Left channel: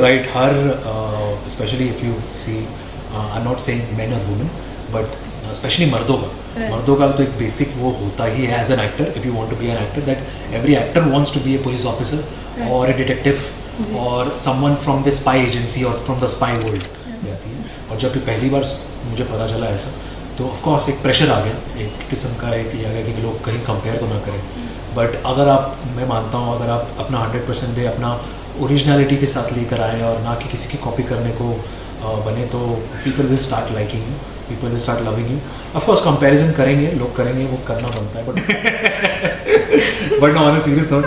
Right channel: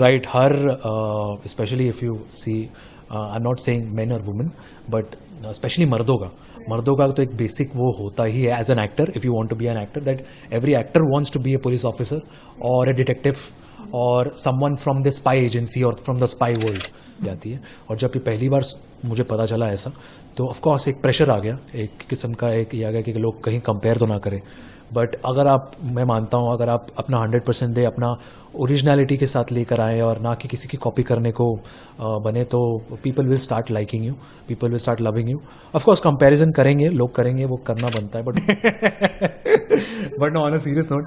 you're right. Her especially if you see, I'm not saying men or women, but specially मर्दों का तो एक basic वो होता ही है as an actor. If you want to be an actor, that every actor wants to be a police officer और a detective और someone from the spy agency और फ्रॉम द स्पाई वर्ल्ड जाती है. और जब पहली बार मुझे पता चला ऐसा, तो ऑफ कोर्स एक प्रेशर आ गया, एक किस्म का एक ये आ गया कि लोग कहीं कंपेयर तो ना करें. बट अगर आप, मैं मानता हूँ, अगर आप अपना 100% दे, अपना ओरिजिनलिटी के साथ लेकर आए और ना कि किसी की कॉपी करने को बने, तो people will start liking you, people will start loving you. Of course comparison करेंगे, लोग करेंगे, वो करना बनता है. But on a serious note,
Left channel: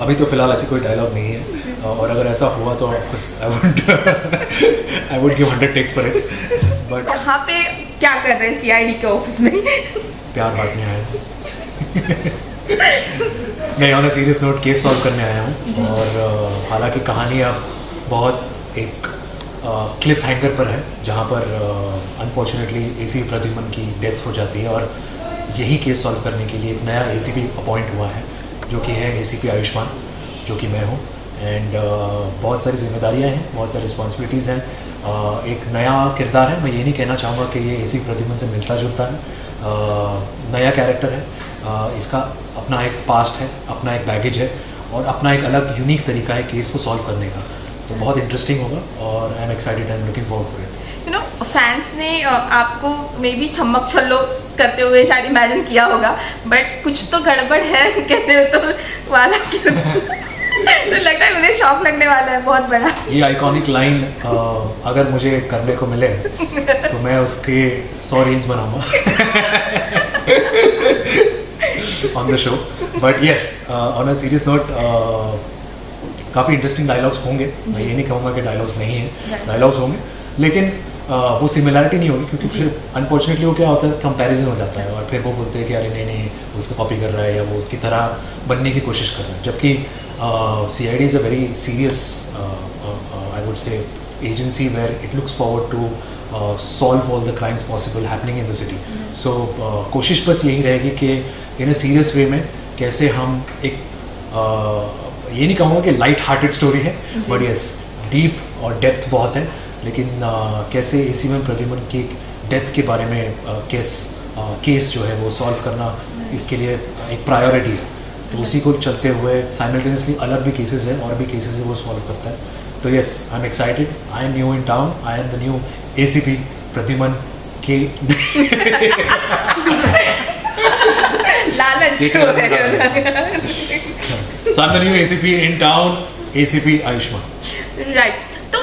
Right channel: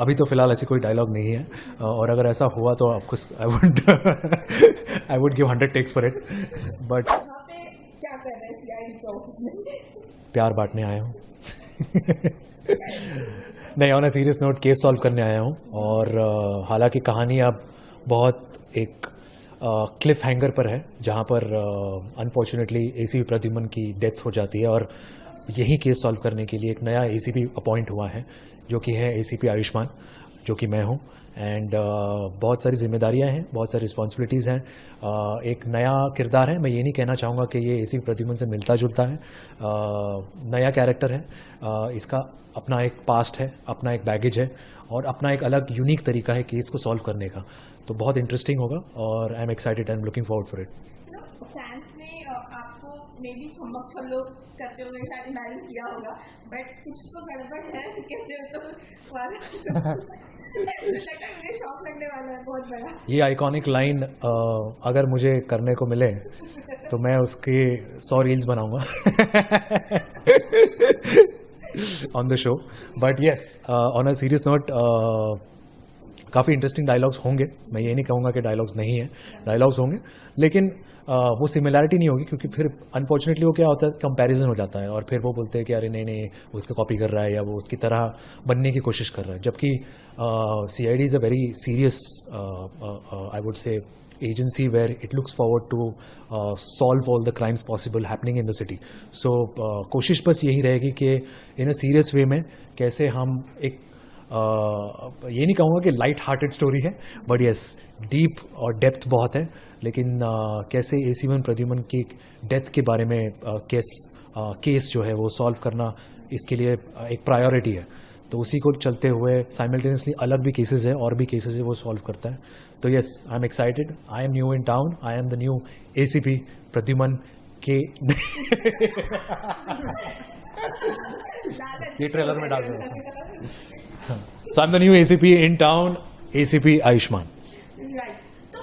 अभी तो फिलहाल ऐसी कोई डायलॉग नहीं है. और अगर ऐसा हुआ तो of course I would give 100 takes for it. But यहाँ पे क्या कर रहे हैं सीआईडी के ऑफिस में? प्यार बांटने आया हूँ. नहीं, on a serious note case solve करने आया हूँ. और हालांकि कहानी अब बहुत एक क्लिफ हैंगर पर है, जहाँ पर अनफॉर्चुनेटली एसीपी प्रद्युमन की डेथ हो जाती है. और यही केस सॉल्व करने के लिए एक नया एसीपी अपॉइंट हुआ है, जो कि है एसीपी आयुष्मान, जो कि मैं हूँ. एंड बहुत सारी जिम्मेदारियाँ हैं, बहुत सारी रिस्पॉन्सिबिलिटीज़ हैं. एक नया किरदार है. मैं ये नहीं कहना चाहूँगा कि ये एसीपी प्रद्युमन से मिलता जुलता है. नया कैरेक्टर है. इसका अपना एक पास्ट है, अपना एक बैगेज है, और अपना एक अलग यूनिक तरीका है केस को सॉल्व करने का. तो बहुत इंटरेस्टिंग होगा और I am excited, I am looking forward for it. You know, fans ने आपको मे बी छम्मक छल्लो करते हुए शायद इमेजिन किया होगा, बट कुछ तो गड़बड़ है कहते हो तो वाला तो लगता है मुझे शॉक लगने वाला है बहुत बड़ा. ये आइकॉनिक लाइन अगर मुझे करने को मिले तो मैं उसके 100 रील्स बनाऊंगा on the show. But yes, on a serious note, काफ़ी इंटरेस्टिंग डायलॉग्स होंगे. मैं ये नहीं कहूँगा कि डायलॉग्स नहीं हैं, डायलॉग्स होंगे, लेकिन वो सिमिलैरिटी नहीं होगी, क्योंकि फिर अनफॉर्चुनेटली वो क्या होता है, कंपैरिजन हो जाता है. और फिर वो बोलते हैं कि अरे नहीं वो उसको कॉपी कर रहा है या वो उसकी तरह बनने की कोशिश कर रहा है. जबकि CID is a very serious, I would say, agency where it looks forward to solve all the crimes possible happening in the city. So कोशिश बस यही रहेगी कि इन अ सीरियस वे में कैसे हम एक ये नहीं कहूँगा कि लाइट हार्टेड स्टोरी है, बट यस डीप और डेप्थ बहुत है. लेकिन कैसे एसीपी प्रद्युमन की डेथ के बारे में केस जो है वो सॉल्व करना इसके लिए एक प्रायोरिटी है. तो उसी को चलते हुए साइमल्टेनियसली अलग भी केसेस हैं और भी केसेस है वो सॉल्व करता है. तो yes, I am excited. I am new in town. I am the new ACP Pradyuman के लालच. So I'm the new ACP in town, ACP Ayushman. Right. तो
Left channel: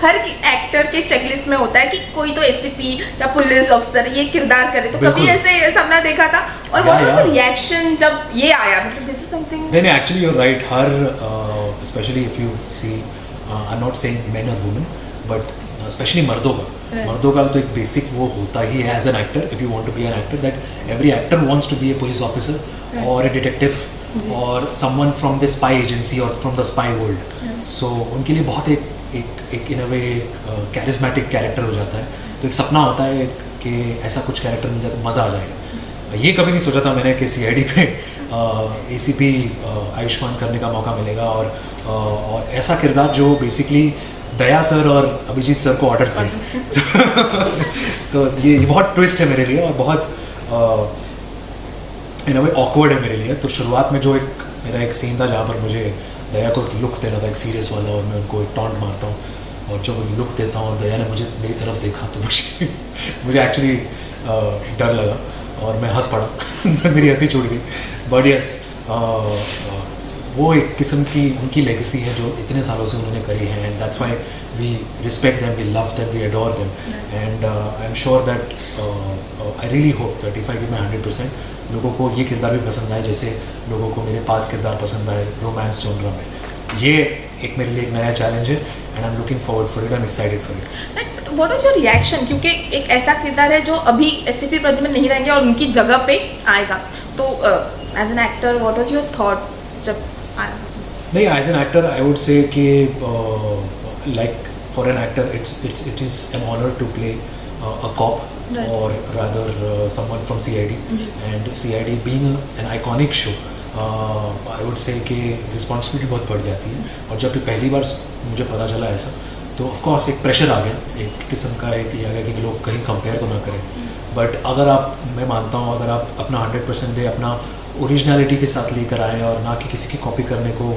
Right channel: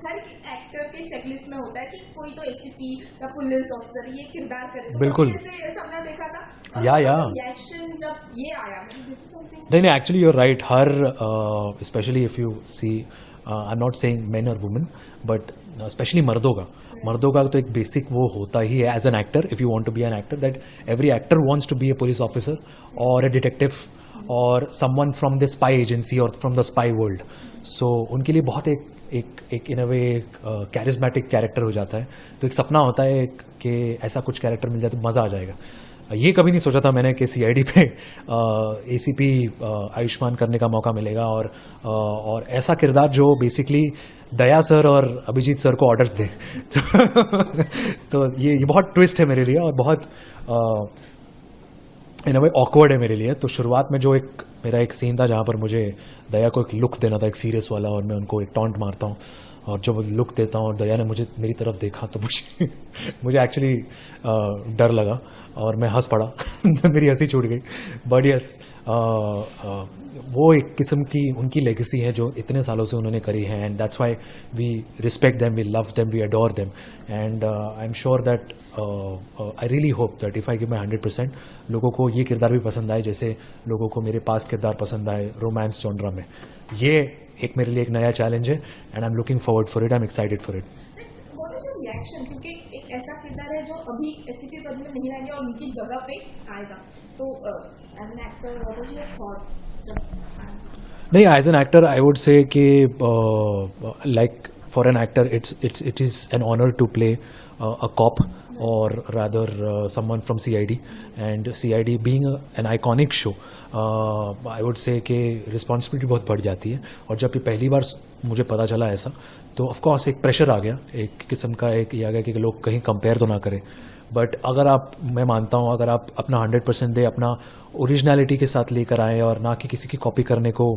हर एक्टर के चेकलिस्ट में होता है कि कोई तो एसीपी या पुलिस अफसर ये किरदार करे. तो कभी ऐसे सपना देखा था? और व्हाट रिएक्शन जब ये आया? This is something. नहीं, एक्चुअली यू आर राइट. हर especially if you see, I am not saying men और वुमेन, बट स्पेशली मर्दों का तो एक बेसिक वो होता ही है as an actor. If you want to be an actor, that every actor wants to be a police officer और ए डिटेक्टिव और someone from the spy agency और from the spy world. So उनके लिए बहुत एक इन अ वे charismatic character हो जाता है. तो एक सपना होता है कि ऐसा कुछ कैरेक्टर मिल जाए तो मज़ा आ जाएगा. ये कभी नहीं सोचा था मैंने कि CID पे ACP आयुष्मान करने का मौका मिलेगा. और ऐसा किरदार जो बेसिकली दया सर और अभिजीत सर को ऑर्डर दें. तो ये बहुत ट्विस्ट है मेरे लिए और बहुत इन अ वे ऑकवर्ड है मेरे लिए. तो शुरुआत में जो मेरा एक सीन था जहाँ पर मुझे दया को लुक देना था, एक सीरियस वाला, और मैं उनको एक टॉन्ट मारता हूँ और जब लुक देता हूँ और दया ने मेरी तरफ देखा तो मुझे एक्चुअली डर लगा और मैं हंस पड़ा. मेरी हंसी छूट गई. बट यस, वो एक किस्म की उनकी लेगेसी है जो इतने सालों से उन्होंने करी है. And that's why we respect them, we love them, we adore them. And I am sure that, I really hope that if I give my 100%, लोगों को ये किरदार भी पसंद आए जैसे लोगों को मेरे पास किरदार पसंद आए रोमांस जॉनरा में. ये एक मेरे लिए एक नया चैलेंज है and I am looking forward for it. I am excited for it. What is your reaction? क्योंकि एक ऐसा किरदार है जो अभी एसीपी प्रद्युमन नहीं रहेंगे और उनकी जगह पे आएगा. तो as an actor what was your thought जब आया? नहीं, as an actor I would say कि like for an actor it is an honour to play a cop, right, or rather someone from CID. And CID being an iconic show, I would say कि responsibility बहुत बढ़ जाती है। और जब भी पहली बार मुझे पता चला ऐसा, तो ऑफ कोर्स एक प्रेशर आ गया, एक किस्म का एक ये आ गया कि लोग कहीं कंपेयर तो ना करें। बट अगर आप, मैं मानता हूँ, अगर आप अपना 100% दे, अपना ओरिजिनलिटी के साथ लेकर आए और ना कि किसी की कॉपी करने को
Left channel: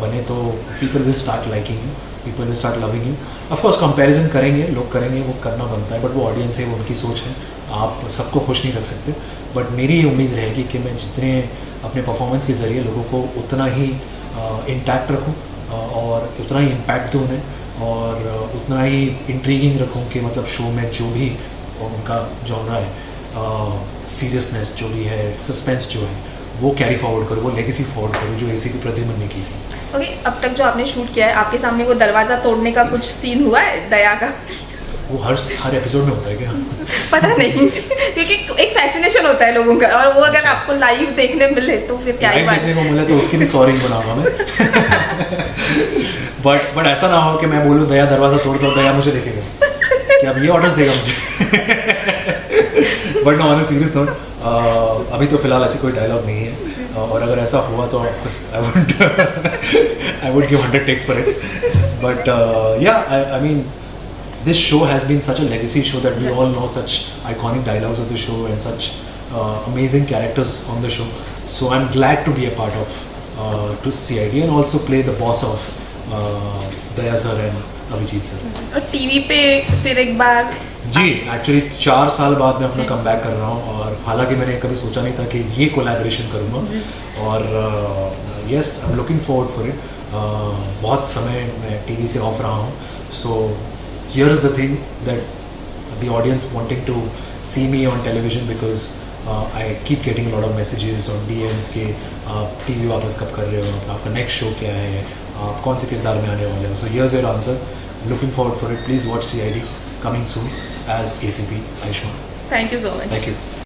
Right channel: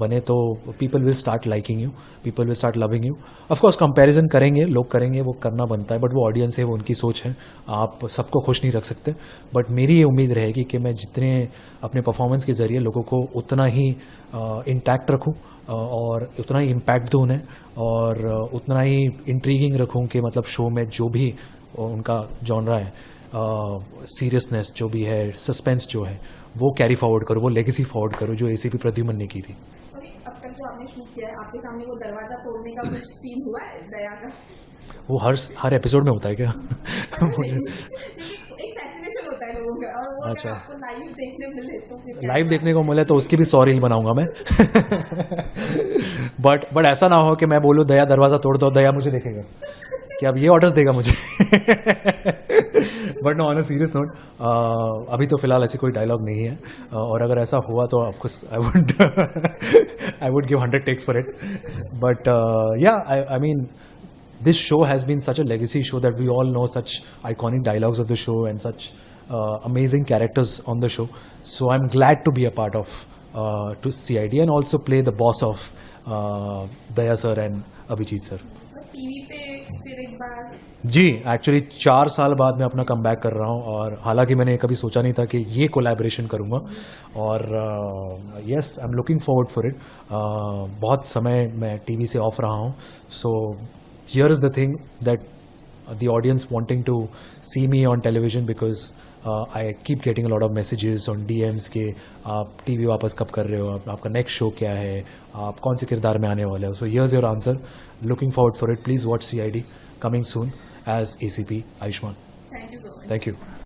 बने, तो people will start liking you, people will start loving you. Of course comparison करेंगे, लोग करेंगे, वो करना बनता है, बट वो ऑडियंस है, वो उनकी सोच है, आप सबको खुश नहीं रख सकते। बट मेरी ये उम्मीद रहेगी कि मैं जितने अपने परफॉर्मेंस के ज़रिए लोगों को उतना ही इंटैक्ट रखूँ और उतना ही इम्पैक्ट दूँ उन्हें, और उतना ही इंट्रीगिंग रखूँ कि मतलब शो में जो भी उनका जॉनरा है, सीरियसनेस जो भी है, सस्पेंस जो है, वो कैरी फॉरवर्ड करो, वो लेगेसी फॉरवर्ड करो जो एसीपी प्रद्युमन ने की थी। ओके, अब तक जो आपने शूट किया है, आपके सामने वो दरवाजा तोड़ने का कुछ सीन हुआ है दया का? वो हर एपिसोड में होता है क्या? पता नहीं, क्योंकि एक फैसिनेशन होता है लोगों का, और वो अगर आपको लाइव देखने मिले तो फिर क्या ही बात। देखने को मिले तो उसकी भी सॉरी बनाऊंगा मैं। बट ऐसा ना हो कि मैं बोलूँ दया दरवाजा तोड़ता हूँ, दया मुझे देखेगा कि अब ये ऑर्डर्स देगा मुझे। But no, on a serious note, अभी तो फिलहाल ऐसी कोई डायलॉग नहीं है, और अगर ऐसा हुआ तो I would give 100 takes for it. But I mean, this show has been such a legacy show that we all know such iconic dialogues of the show and such amazing characters on the show. So I'm glad to be a part of to CID and also play the boss of Daya sir and Abhijit sir. और TV पे फिर एक बार जी, actually 4 साल बाद मैं अपना comeback कर रहा हूँ, और हालांकि मैंने कभी सोचा नहीं था कि ये कोलैबोरेशन करूँगा, और yes, I am looking forward for it. बहुत समय मैं टीवी से ऑफ रहा हूँ, सो here is the thing that the audience wanting to see me on television, because I keep getting a lot of messages on DMs कि आप TV वापस कब कर रहे हो, आपका नेक्स्ट शो क्या है, आप कौन से किरदार में आने वाले हो। So here's your answer, looking forward for it. Please watch CID, coming soon as ACP Aishwan. Thank you so much. Thank you.